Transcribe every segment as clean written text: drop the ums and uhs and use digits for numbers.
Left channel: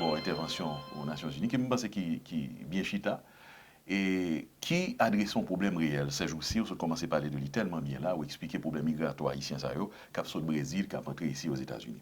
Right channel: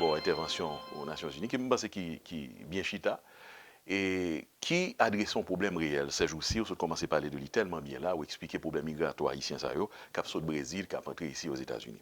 d'abord intervention aux Nations Unies, qui me pense qui bien chita, et qui adresse un problème réel. Ces jours-ci, on commence à parler de lui tellement bien là, ou expliquer le problème migratoire haïtien, qui a sorti du Brésil, qui a rentré ici aux États-Unis.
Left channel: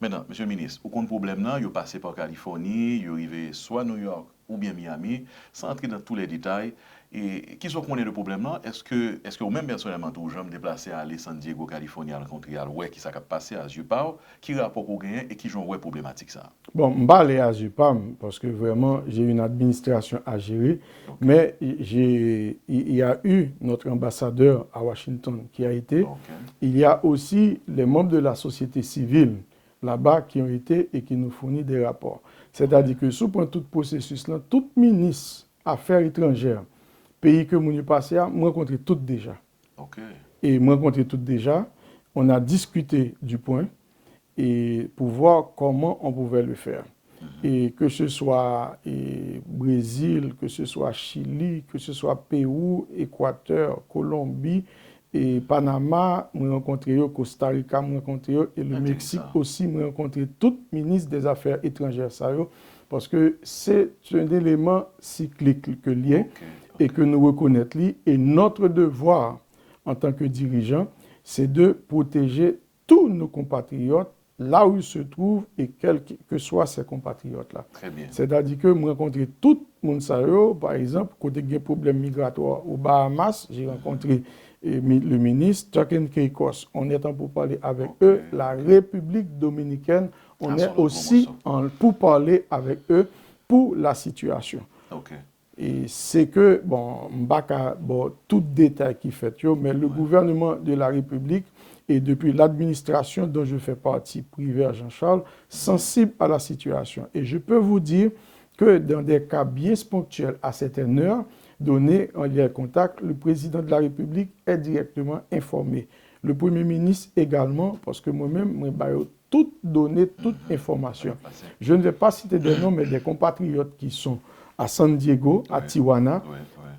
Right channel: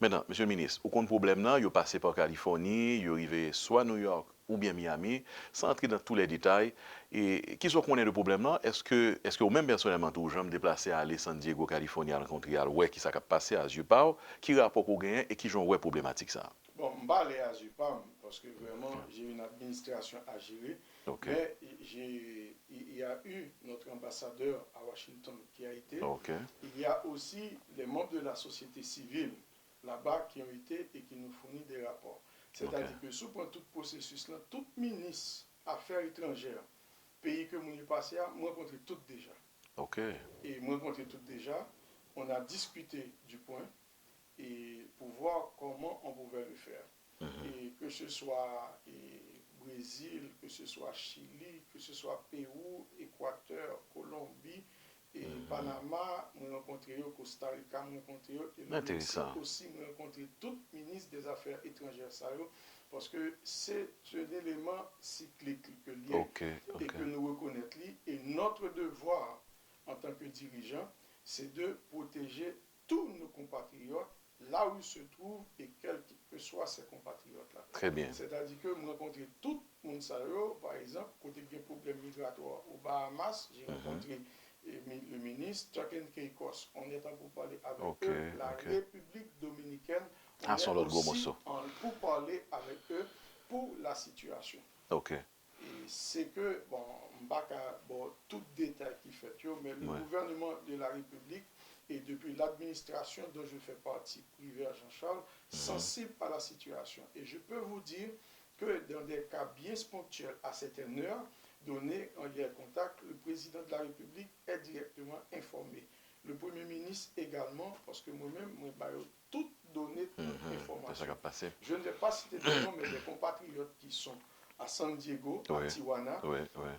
Maintenant, monsieur le ministre, aucun problème là, il est passé par Californie, il est arrivé soit New York ou bien Miami, sans entrer dans tous les détails. Et qui soit connaît le problème là, est-ce que vous-même personnellement, tout, je me déplacer à aller San Diego, Californie, à rencontrer à ouais, qui s'est passé à Jupao, qui rapport qu'on gagne et qui joue ouais problématique ça? Bon, je vais aller à Jupam parce que vraiment, j'ai une administration à gérer. Okay. Mais il y a eu notre ambassadeur à Washington qui a été. Okay. Il y a aussi les membres de la société civile là-bas qui ont été et qui nous fournissent des rapports. C'est-à-dire que sous point tout processus là, tout ministre affaires étrangères, pays que nous passé à, moi rencontré tout déjà. Okay. Et moi rencontré tout déjà. On a discuté du point et pour voir comment on pouvait le faire. Et que ce soit Brésil, que ce soit Chili, que ce soit Pérou, Équateur, Colombie, et Panama, je rencontré Costa Rica, je rencontré et le Mexique aussi, je rencontré tout ministre des Affaires étrangères, ça, parce que c'est un élément cyclique que lié et que nous reconnaissons. Et notre devoir en tant que dirigeant, c'est de protéger tous nos compatriotes là où ils se trouvent et quels que soient ces compatriotes-là. Très bien. C'est-à-dire que je rencontré tout le monde, par exemple, côté des problèmes migratoires aux Bahamas, j'ai rencontré le ministre Turkin Keikos. On est en pour parler avec eux. La République dominicaine, on est aussi pour parler avec eux pour la situation. Et c'est que, bon, tout détail qui fait, mais le gouvernement de la République et depuis l'administration dont je fais partie, privée à Jean-Charles, sensible à la situation. Et je peux vous dire que dans des cas bien ponctuels à certaines heures données en lien contact, le président de la République est directement informé. Le Premier ministre également, parce que moi-même, je toutes données, toute information. Je ne vais pas citer des noms, mais des compatriotes qui sont à San Diego, à Tijuana.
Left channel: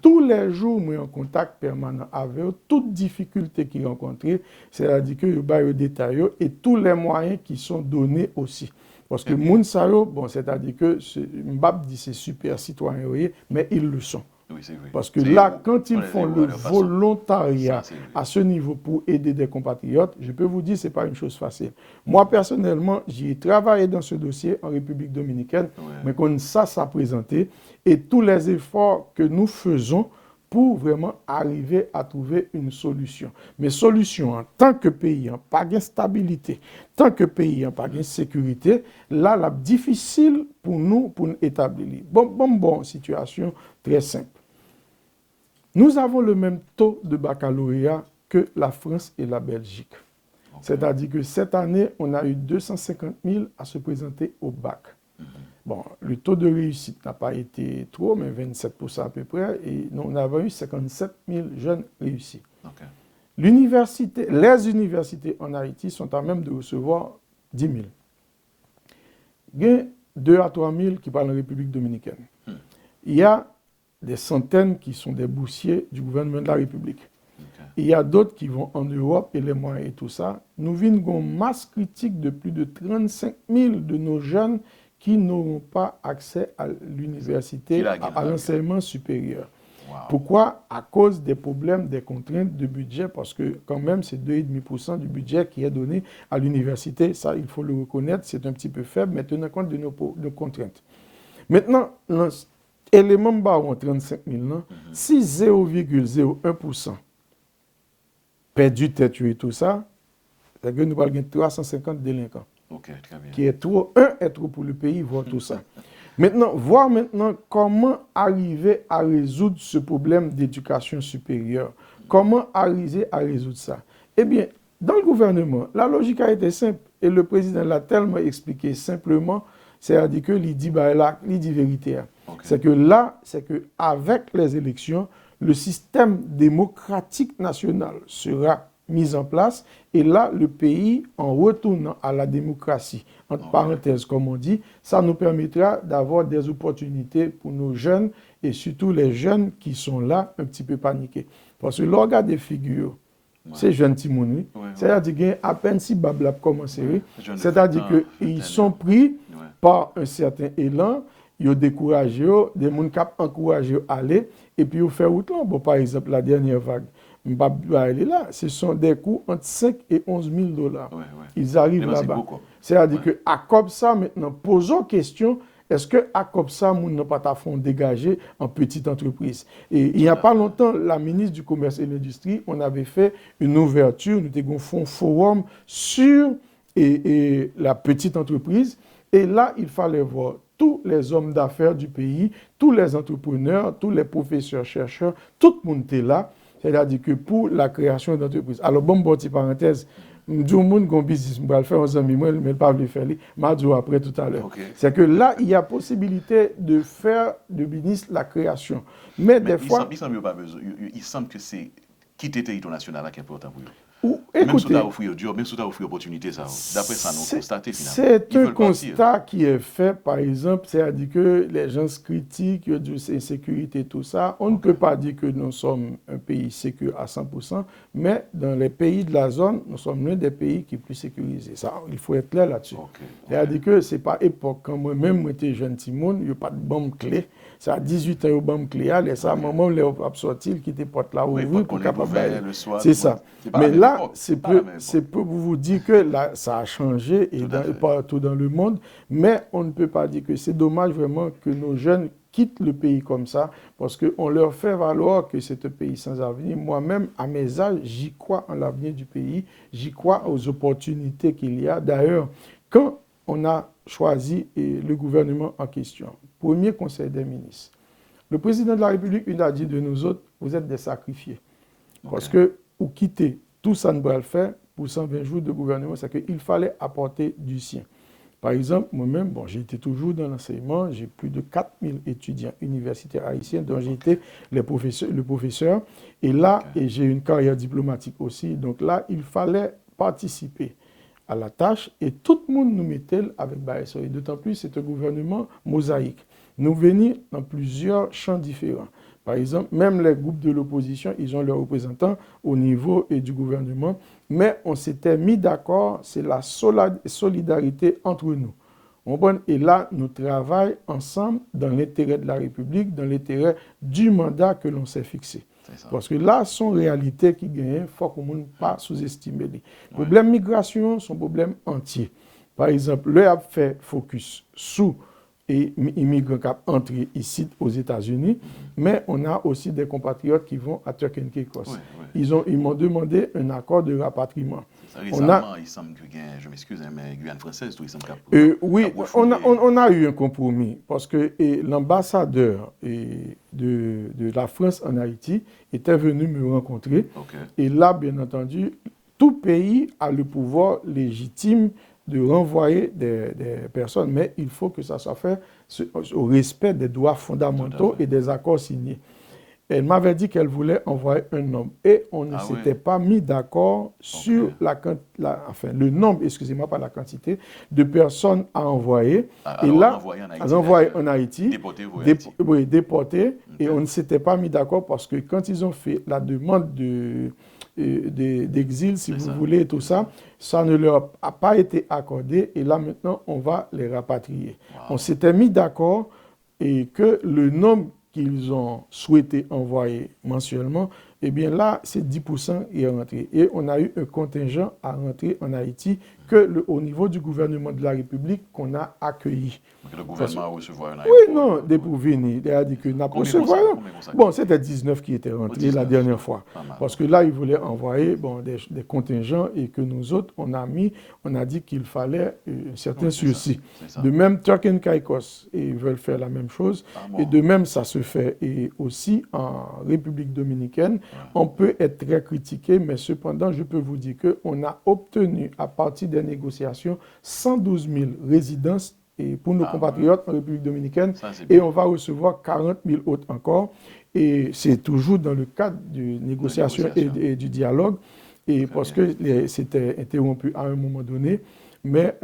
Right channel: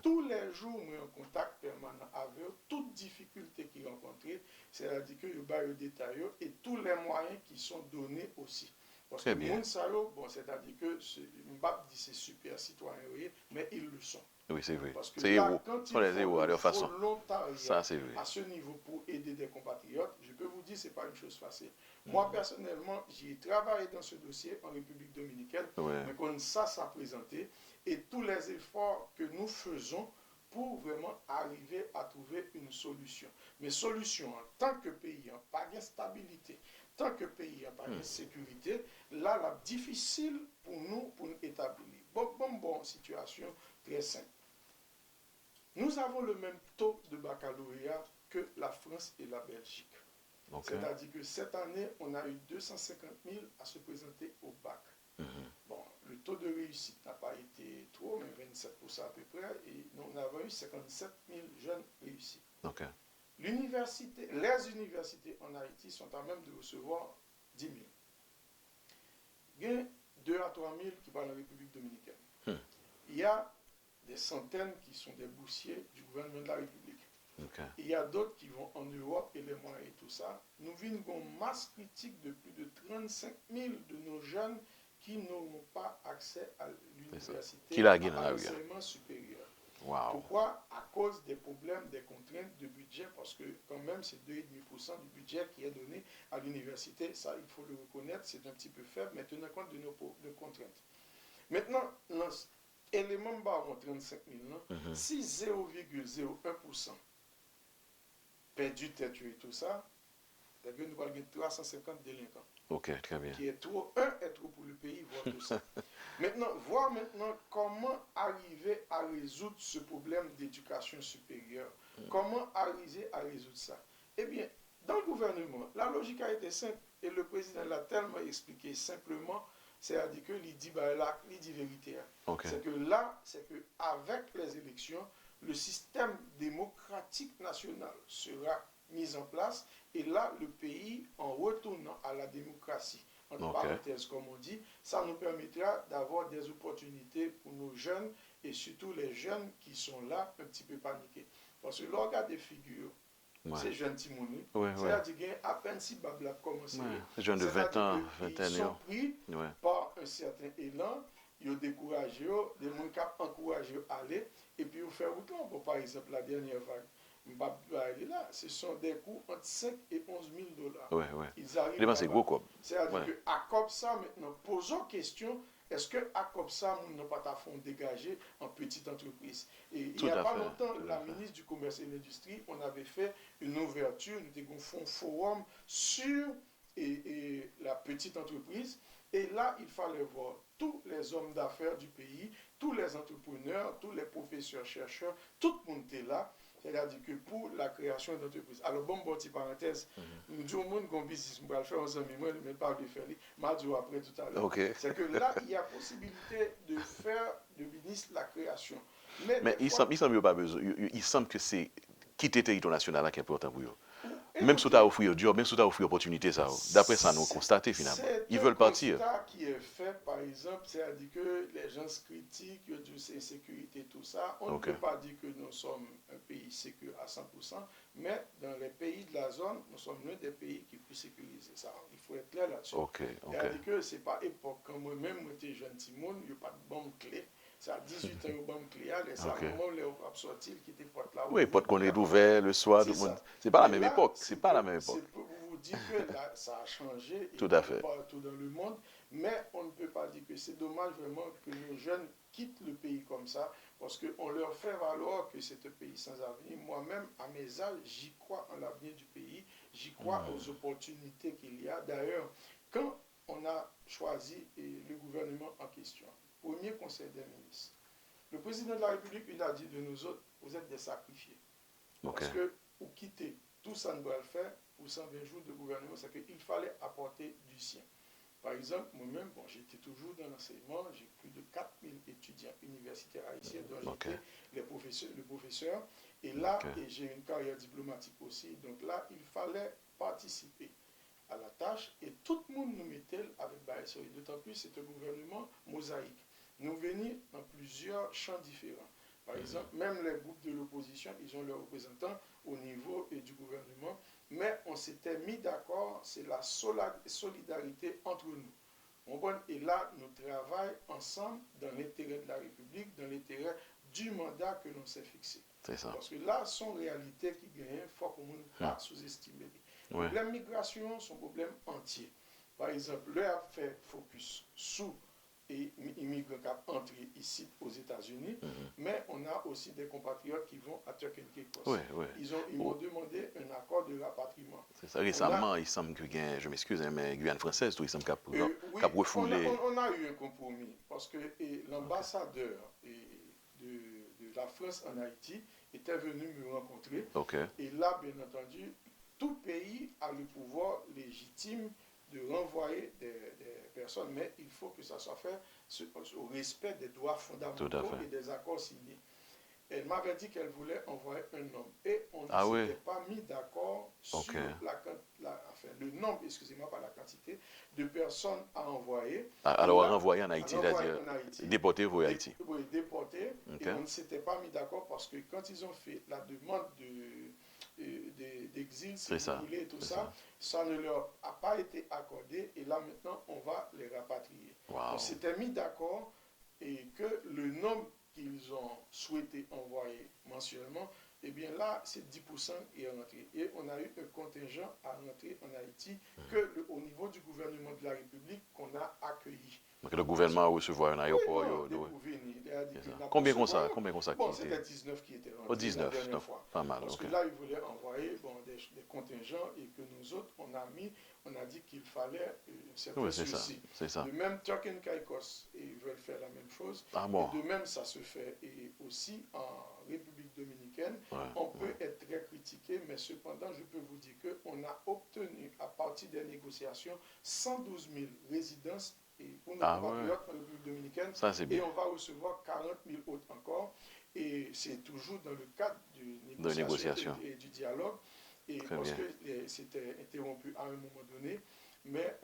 Tous les jours, je suis en contact permanent avec eux. Toutes difficultés qu'ils rencontrent, c'est-à-dire que je vais détailler et tous les moyens qui sont donnés aussi. Parce que Mounsaro, bon, c'est-à-dire que Mbap dit c'est super citoyen, mais ils le sont. Oui, c'est vrai. Parce que là, quand ils font le volontariat à ce niveau pour aider des compatriotes, je peux vous dire que ce n'est pas une chose facile. Moi, personnellement, j'ai travaillé dans ce dossier en République dominicaine, mais quand ça s'est présenté, et tous les efforts que nous faisons pour vraiment arriver à trouver une solution. Mais solution, en tant que pays, pas de stabilité, tant que pays, pas de sécurité, là, c'est difficile pour nous établir. Bon, situation très simple. Nous avons le même taux de baccalauréat que la France et la Belgique. C'est-à-dire que cette année, on a eu 250 000 à se présenter au bac. Bon, le taux de réussite n'a pas été trop, mais 27% à peu près, et nous on avons eu 57 000 jeunes réussis. Les universités en Haïti sont à même de recevoir 10 000. Il y a 2 à 3 000 qui parlent en République dominicaine. Il y a des centaines qui sont des boursiers du gouvernement de la République. Il y a d'autres qui vont en Europe et les moyens et tout ça. Nous vivons une masse critique de plus de 35 000 de nos jeunes qui n'auront pas accès à l'université, à l'enseignement supérieur. Pourquoi? À cause des problèmes, des contraintes de budget, parce que quand même, c'est 2,5% du budget qui est donné à l'université. Ça, il faut le reconnaître, c'est un petit peu faible, mais tenant compte de nos contraintes. Maintenant, l'élément bas, 35 000, si 0,01% perdu tête et tout ça, c'est que nous avons 350 délinquants. Très bien. Qui est trop, est trop pour le pays, voir tout ça. Voir maintenant comment arriver à résoudre ce problème d'éducation supérieure. Comment arriver à résoudre ça? Eh bien, dans le gouvernement, la logique a été simple. Et le président l'a tellement expliqué simplement, c'est-à-dire que il dit vérité. C'est que là, c'est qu'avec les élections, le système démocratique national sera mis en place et là, le pays, en retournant à la démocratie, entre parenthèses, comme on dit, ça nous permettra d'avoir des opportunités pour nos jeunes et surtout les jeunes qui sont là un petit peu paniqués. Parce que l'organe des figures C'est jeune Timouni. C'est-à-dire qu'il y a à peine si Bablap commencé. C'est-à-dire qu'ils sont pris par un certain élan, ils ont découragé, des gens qui ont encouragé à aller, et puis ils ont fait autre. Bon, par exemple, la dernière vague, là, ce sont des coûts entre 5 et 11 000 $. Ils arrivent là-bas. C'est-à-dire qu'à comme ça, maintenant, posons question. Est-ce qu'à comme ça, nous n'avons pas fond dégagé en petite entreprise? Et il n'y a pas longtemps, la ministre du Commerce et de l'Industrie, on avait fait une ouverture, nous avons fait un forum sur la petite entreprise. Et là, il fallait voir tous les hommes d'affaires du pays, tous les entrepreneurs, tous les professeurs, chercheurs, tout le monde était là. C'est-à-dire que pour la création d'entreprises. Alors, bon, petite parenthèse, je monde qui business, je vais le faire aux amis, mais je ne vais pas le faire, je vais après tout à l'heure. C'est que là, il y a possibilité de faire de business la création. Mais des fois... Il semble que c'est quitter le territoire national qui est important pour eux. Même si tu as offert job, même si tu as offert opportunité, d'après ça, nous constatons finalement. C'est un constat qui est fait, par exemple, c'est-à-dire que les gens critiquent de l'insécurité, tout ça. On ne peut pas dire que nous sommes un pays sécure à 100%, mais dans les pays de la zone, nous sommes l'un des pays qui est plus sécurisés. Ça, il faut être clair là-dessus. C'est-à-dire que ce n'est pas époque. Quand moi-même, j'étais jeune Timon, il n'y a pas de bombe clé. Ça a 18 ans, il y a bombe clé, et ça, maman, il a sorti, qui était porte là. Oui, pas qu'on est ouvert le soir. C'est ça. Mais là, c'est pour vous dire que là, ça a changé et partout dans le monde. Mais on ne peut pas dire que c'est dommage vraiment que nos jeunes quittent le pays comme ça parce qu'on leur fait valoir que c'est un pays sans avenir. Moi-même, à mes âges, j'y crois en l'avenir du pays. J'y crois aux opportunités qu'il y a. D'ailleurs, quand on a choisi le gouvernement en question, premier conseil des ministres, le président de la République, il a dit de nous autres, vous êtes des sacrifiés. Parce que vous quittez tout ça, ne va le faire pour 120 jours de gouvernement, c'est qu'il fallait apporter du sien. Par exemple, moi-même, bon, j'ai été toujours dans l'enseignement, j'ai plus de 4000 étudiants universitaires haïtiens, dont j'ai été le professeur. Et là, et j'ai une carrière diplomatique aussi. Donc là, il fallait participer à la tâche et tout le monde nous mettait avec BASO. Et d'autant plus, c'est un gouvernement mosaïque. Nous venons dans plusieurs champs différents. Par exemple, même les groupes de l'opposition, ils ont leurs représentants au niveau du gouvernement. Mais on s'était mis d'accord, c'est la solidarité entre nous. Et là, nous travaillons ensemble dans l'intérêt de la République, dans l'intérêt du mandat que l'on s'est fixé. Parce que là, sont réalités qui gagnent, il faut qu'on ne pas sous-estimer. Le problème migration, c'est un problème entier. Par exemple, le a fait focus sous et immigrants qui entrent ici aux États-Unis, mais on a aussi des compatriotes qui vont à Turk and Caicos. Ils m'ont demandé un accord de rapatriement. Récemment, il semble que, je m'excuse, mais Guyane française, tout, il semble oui, on a eu un compromis parce que l'ambassadeur de la France en Haïti était venu me rencontrer. Et là, bien entendu, tout pays a le pouvoir légitime de renvoyer des personnes, mais il faut que ça soit fait au respect des droits fondamentaux et des accords signés. Elle m'avait dit qu'elle voulait envoyer un homme et on ne s'était pas mis d'accord sur le nombre, excusez-moi, pas la quantité de personnes à envoyer. Alors, envoyer en Haïti. Déporter Oui, déporter. Et on ne s'était pas mis d'accord parce que quand ils ont fait la demande d'exil, si vous voulez, tout ça, ça ne leur a pas été accordé et là maintenant on va les rapatrier. On s'était mis d'accord et que le nombre qu'ils ont souhaité envoyer mensuellement, eh bien là, c'est 10% qui est rentré. Et on a eu un contingent à rentrer en Haïti au niveau du gouvernement de la République qu'on a accueilli. Donc le gouvernement a recevoir un aéroport? Oui, non, des pour venir. Bon, c'était 19 qui étaient rentrés la dernière fois. Parce que là, ils voulaient envoyer des contingents et que nous autres, on a dit qu'il fallait un certain sursis. De même, Turk and Caicos, ils veulent faire la même chose. Et de même, ça se fait et aussi en République dominicaine. On peut être très critiqué, mais cependant, je peux vous dire qu'on a obtenu, à partir des négociations, 112 000 résidences et pour nos compatriotes en République dominicaine, et on va recevoir 40 000 autres encore. Et c'est toujours dans le cadre de négociation et du dialogue, et parce que c'était interrompu à un moment donné. Mais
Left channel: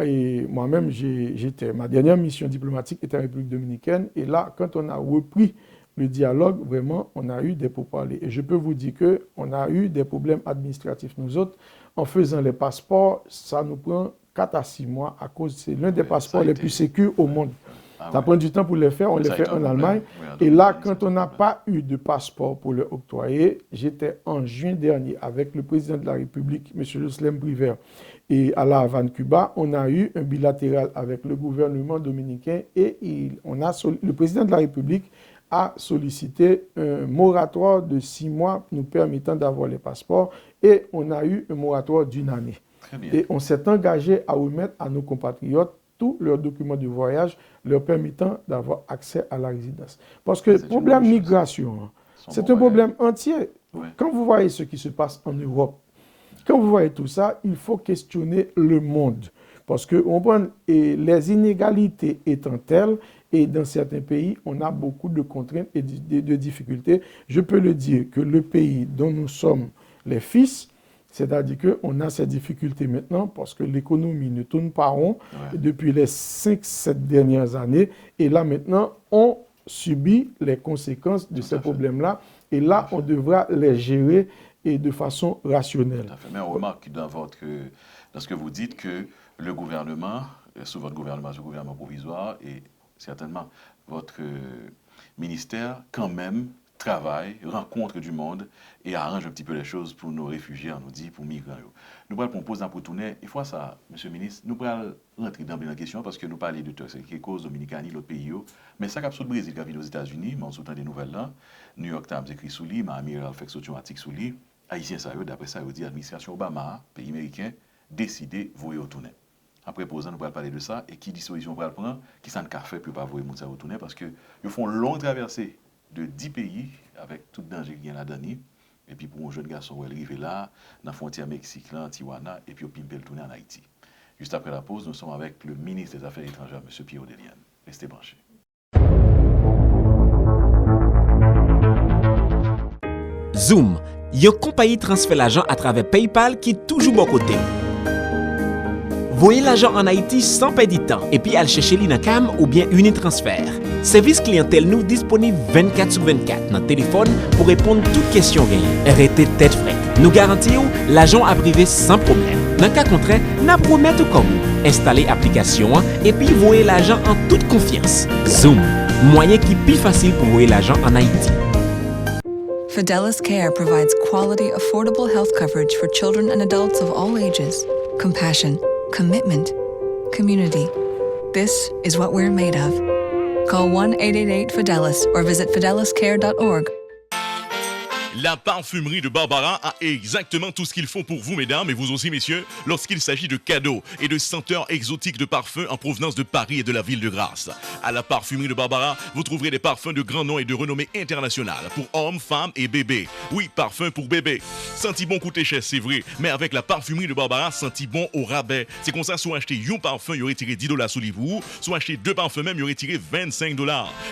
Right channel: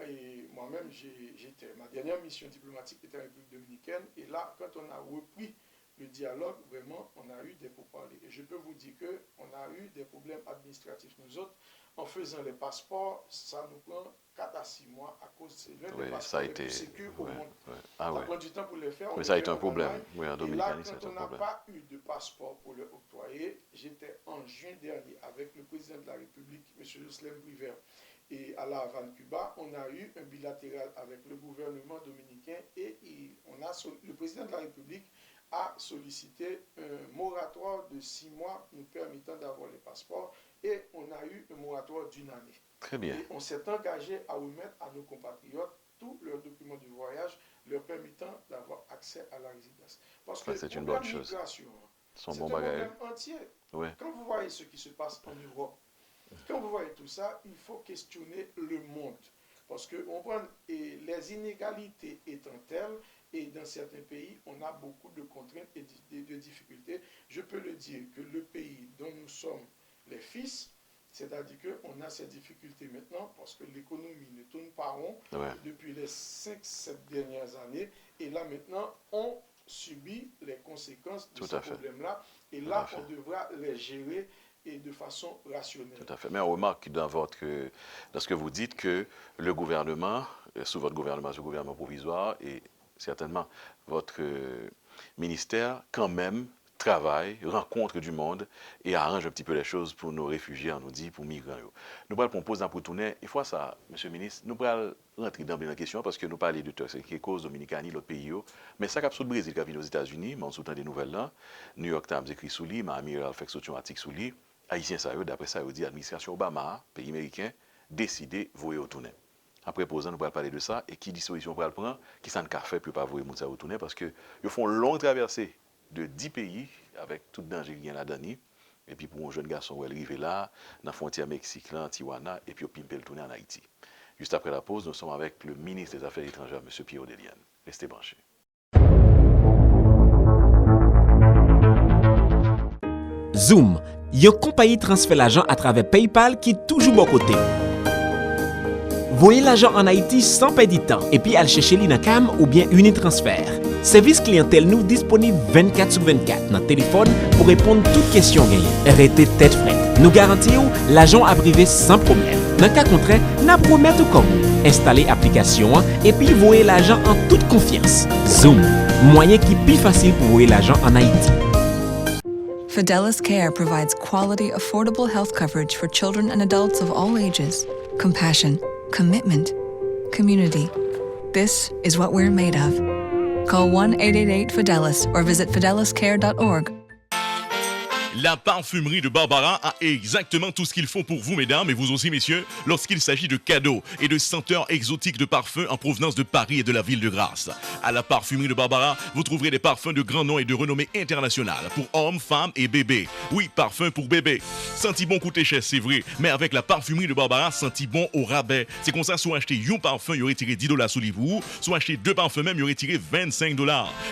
moi-même, ma dernière mission diplomatique était en République dominicaine, et là, quand on a repris le dialogue, vraiment, on a eu des pourparlers. Et je peux vous dire qu'on a eu des problèmes administratifs. Nous autres, en faisant les passeports, ça nous prend 4 à 6 mois à cause, c'est l'un des passeports les plus sécurs au monde. Ça prend du temps pour les faire, on les fait en Allemagne. Et là, quand on n'a pas eu de passeport pour le octroyer, j'étais en juin dernier avec le président de la République, M. Jocelyn Briver, et à La Havane, Cuba, on a eu un bilatéral avec le gouvernement dominicain et le président de la République a sollicité un moratoire de 6 mois nous permettant d'avoir les passeports et on a eu un moratoire d'1 année. Très bien. Et on s'est engagé à remettre à nos compatriotes tous leurs documents de voyage leur permettant d'avoir accès à la résidence. Parce que le problème migration, c'est un problème entier. Ouais. Quand vous voyez ce qui se passe en Europe, quand vous voyez tout ça, il faut questionner le monde. Parce que les inégalités étant telles, et dans certains pays, on a beaucoup de contraintes et de difficultés. Je peux le dire que le pays dont nous sommes les fils, c'est-à-dire qu'on a ces difficultés maintenant parce que l'économie ne tourne pas rond depuis les 5-7 dernières années. Et là, maintenant, on subit les conséquences de ces problèmes-là. Et là, on devra les gérer et de façon rationnelle. Tout à fait. Mais on remarque dans ce que vous dites que le gouvernement, sous votre gouvernement, ce gouvernement provisoire, et certainement votre ministère, quand même, travaille, rencontre du monde et arrange un petit peu les choses pour nos réfugiés, on nous dit, pour migrants. Nous allons proposer pour tourner, il faut ça, Monsieur le ministre, nous allons rentrer dans la question parce que nous parlons de Turquie, qui est cause Dominicanie, l'autre pays, mais ça, capsule Brésil qui vient aux États-Unis, mais on sous des nouvelles là, New York Times écrit sous lui, Miami Herald fait automatique sous lui, Haïtien, ça, d'après ça, il dit, administration Obama, pays américain, décidé, voyer au tourner. Après posant, nous allons parler de ça et qui disposition on va le prendre, qui s'en fait pour ne pas voyer au tourner parce qu'ils font une longue traversée de 10 pays, avec tout danger qui vient là-dedans. Et puis pour un jeune garçon, où elle arrive là, dans la frontière Mexique, là, en Tijuana, et puis au Pimpel tourner en Haïti. Juste après la pause, nous sommes avec le ministre des Affaires étrangères, M. Pierre Odelian. Restez branchés. Zoom, une compagnie transfère l'argent à travers PayPal qui est toujours bon côté. Voyez l'argent en Haïti sans perdre de temps et puis aller chercher l'INACAM ou bien Unitransfert. Service clientèle nous disponible 24/24 dans le téléphone pour répondre à toutes questions gagnées. Arrêtez tête frette. Nous garantissons l'argent à privé sans problème. Dans le cas contraire, nous promettons comme vous. Installez l'application et puis voyez l'argent en toute confiance. Zoom, moyen qui est plus facile pour voyer l'argent en Haïti. Fidelis Care provides quality, affordable health coverage for children and adults of all ages. Compassion, commitment, community. This is what we're made of. Call 1-888-FIDELIS or visit fideliscare.org. La parfumerie de Barbara a exactement tout ce qu'il faut pour vous, mesdames, et vous aussi, messieurs, lorsqu'il s'agit de cadeaux et de senteurs exotiques de parfums en provenance de Paris et de la ville de Grasse. À la parfumerie de Barbara, vous trouverez des parfums de grand nom et de renommée internationale pour hommes, femmes et bébés. Oui, parfum pour bébé. Senti bon coûter cher, c'est vrai, mais avec la parfumerie de Barbara, senti bon au rabais. C'est comme ça, soit acheter un parfum, il y aurait tiré $10 sous les vous, soit acheter 2 parfums même, il y aurait tiré $25.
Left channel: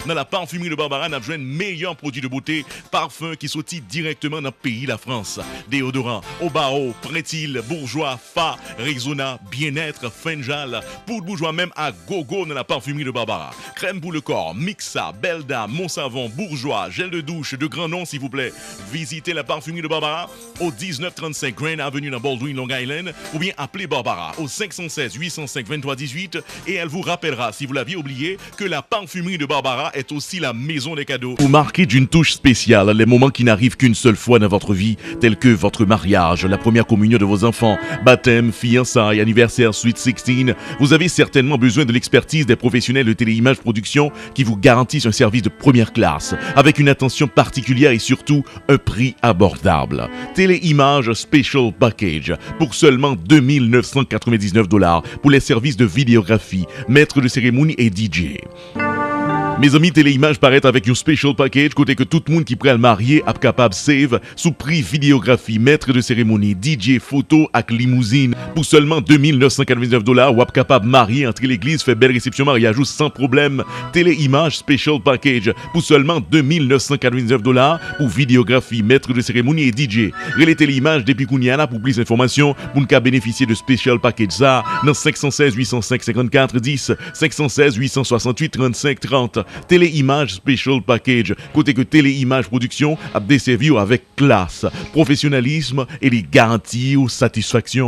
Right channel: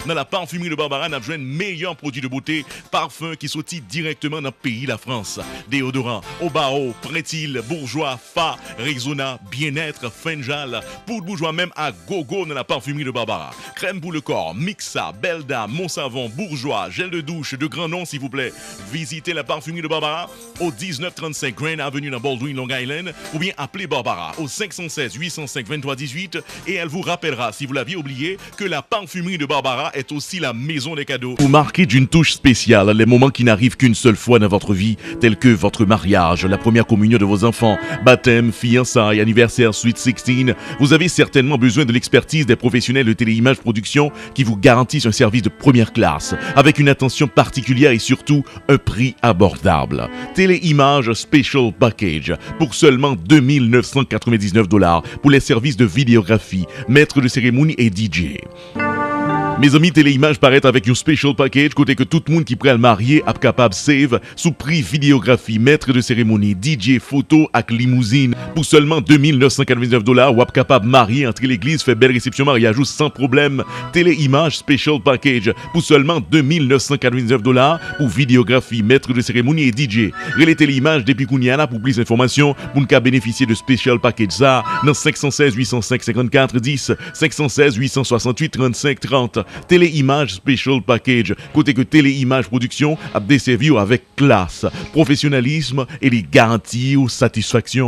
Dans la parfumerie de Barbara, on a besoin de meilleurs produits de beauté, parfums qui sortent directement dans le pays, la France. Déodorant, Obao, Prétil, Bourgeois, Fa, Rexona, Bien-être, Fenjal, poudre bourgeois même à gogo dans la parfumerie de Barbara. Crème pour le corps, Mixa, Belda, Monsavon, Bourgeois, gel de douche de grand nom s'il vous plaît. Visitez la parfumerie de Barbara au 1935 Grand Avenue dans Baldwin, Long Island ou bien appelez Barbara au 516 805 23 18 et elle vous rappellera si vous l'aviez oublié que la parfumerie de Barbara est aussi la maison des cadeaux. Vous marquez d'une touche spéciale les moments qui n'arrivent qu'une seule fois dans votre vie, tels que votre mariage, la première communion de vos enfants, baptême, fiançailles, anniversaire, Sweet 16, vous avez certainement besoin de l'expertise des professionnels de Téléimage Production qui vous garantissent un service de première classe, avec une attention particulière et surtout un prix abordable. Téléimage Special Package pour seulement $2,999 pour les services de vidéographie, maître de cérémonie et DJ. Mes amis, Téléimage paraît avec un special package côté que tout le monde qui prend le marié est capable de save sous prix vidéographie, maître de cérémonie, DJ, photo avec limousine pour seulement $2,999 ou est capable de marier entre l'église, fait belle réception mariage sans problème. Téléimage special package pour seulement $2,999 pour vidéographie, maître de cérémonie et DJ. Relais Téléimage depuis Kouniana pour plus d'informations pour ne bénéficier de special package ça dans 516 805 54 10, 516 868 35 30. Téléimage Special Package. Côté que Téléimage Production a desservi avec classe, professionnalisme et les garanties ou satisfaction.